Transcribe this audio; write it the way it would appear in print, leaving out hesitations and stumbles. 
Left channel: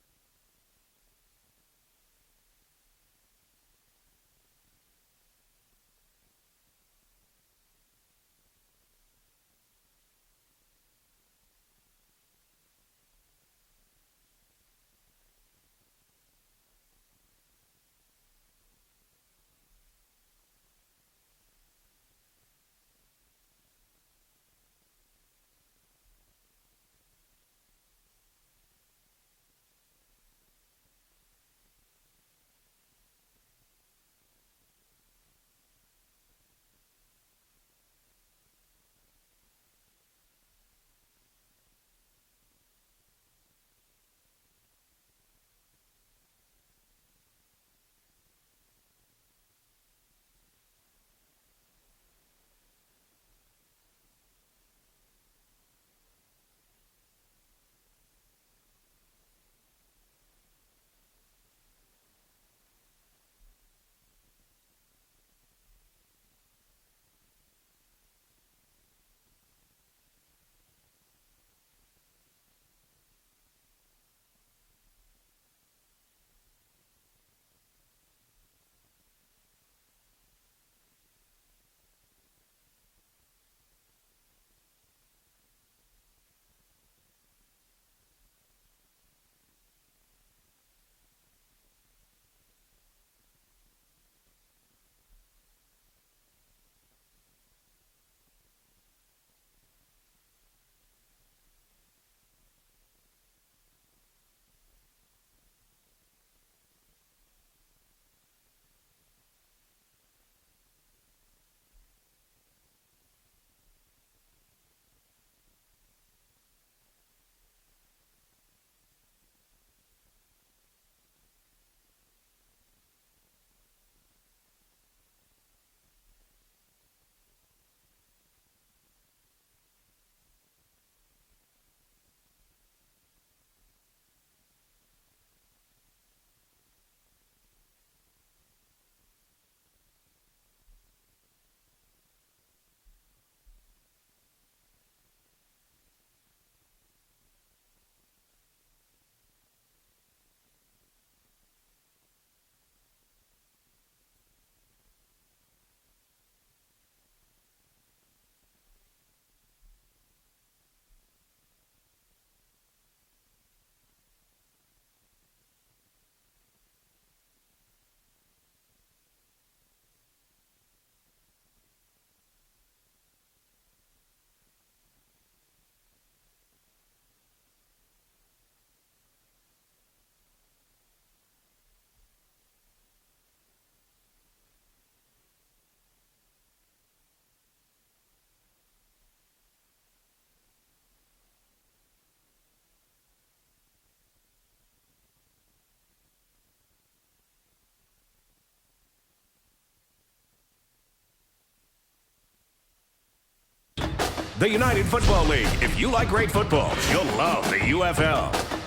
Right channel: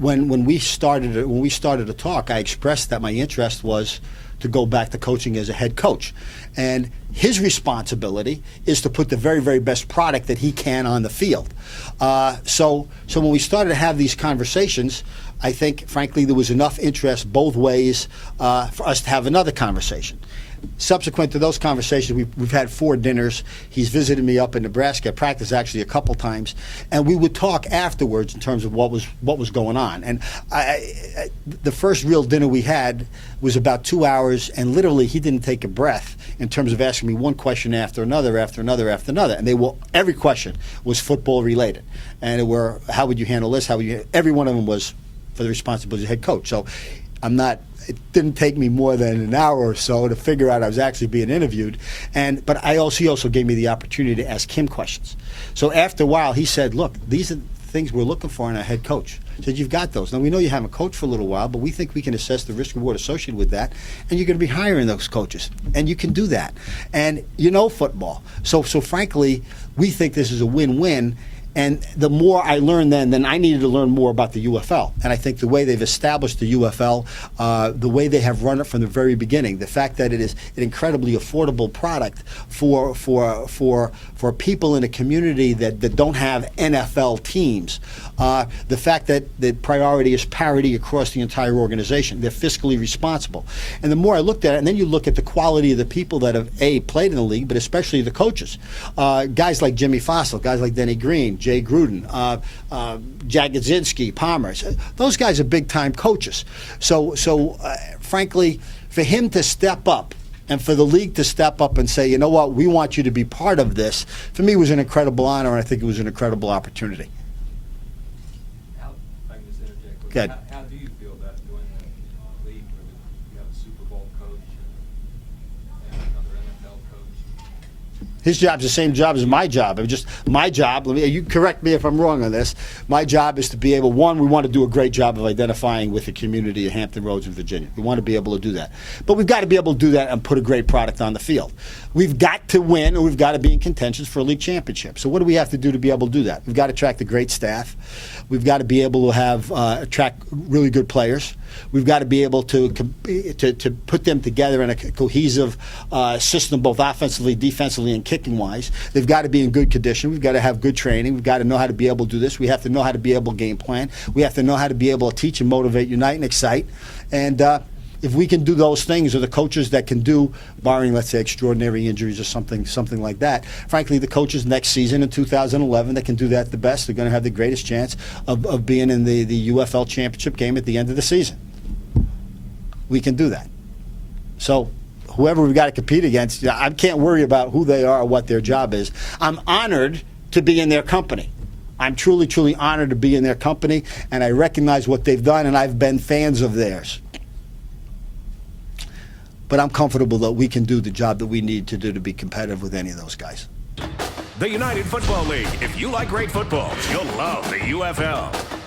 when we started to talk, I expressed that my interest was to go back to coaching as a head coach. And his responsibility is to put the very, very best product that he can on the field. So when we started to have these conversations, I think, frankly, there was enough interest both ways for us to have another conversation. Subsequent to those conversations, we've had 4 dinners. He's visited me up in Nebraska, at practice actually a couple times, and we would talk afterwards in terms of what was going on. And the first real dinner we had was about 2 hours, and literally he didn't take a breath in terms of asking me one question after another, and every question was football related, and it were, how would you handle this? Every one of them was for the responsibility of head coach. So it didn't take me more than an hour or so to figure out I was actually being interviewed. But he also gave me the opportunity to ask him questions. So after a while, he said, look, these are the things we're looking for in a head coach. He said, you've got those. Now, we know you haven't coached for a little while, but we think we can assess the risk reward associated with that, and you're going to be hiring those coaches, and you can do that. And you know football. So frankly, we think this is a win-win. And the more I learned then I needed to learn more about the UFL. And I think the way they've established the UFL, the way they have run it from the very beginning, the fact that it is an incredibly affordable product for people in a community that don't have NFL teams, the fact that the priority is parity across the entire organization. They're fiscally responsible. And the more I looked at it, and then you look at the quality of the people that have, played in the league, but especially the coaches. Guys like Jimmy Fossil, guys like Denny Green, Jay Gruden, Jack Gadzinski, Palmer. Those guys are big-time coaches. So frankly, for him to step up and for the league to step up and say, you know what, we want you to be part of this, for me was an incredible honor, and I think it was an incredible opportunity. If I can just interject. Good. How do you feel about doing a league where you have a Super Bowl coach and another NFL coach? His job's the same job as my job. My job, you correct me if I'm wrong on this, my job is to be able, one, we want to do a great job of identifying with the community of Hampton Roads in Virginia. We want to be able to do that. But we've got to be able to do that and put a great product on the field. We've got to win, or we've got to be in contention for a league championship. So what do we have to do to be able to do that? We've got to attract a great staff. We've got to be able to attract really good players. We've got to be able to put them together in a cohesive system, both offensively, defensively, and kicking-wise. They've got to be in good condition. We've got to have good training. We've got to know how to be able to do this. We have to know how to be able to game plan. We have to know how to be able to teach and motivate, unite, and excite. And if we can do those things, or the coaches that can do, barring, let's say, extraordinary injuries or something like that, frankly, the coaches next season in 2011 that can do that the best are going to have the greatest chance of being in the UFL championship game at the end of the season. We can do that. So whoever we've got to compete against, I can't worry about who they are or what their job is. I'm honored to be in their company. I'm truly, truly honored to be in their company, and I recognize what they've done, and I've been fans of theirs. But I'm comfortable that we can do the job that we need to do to be competitive with any of those guys. The United Football League. If you like great football, you'll love the UFL.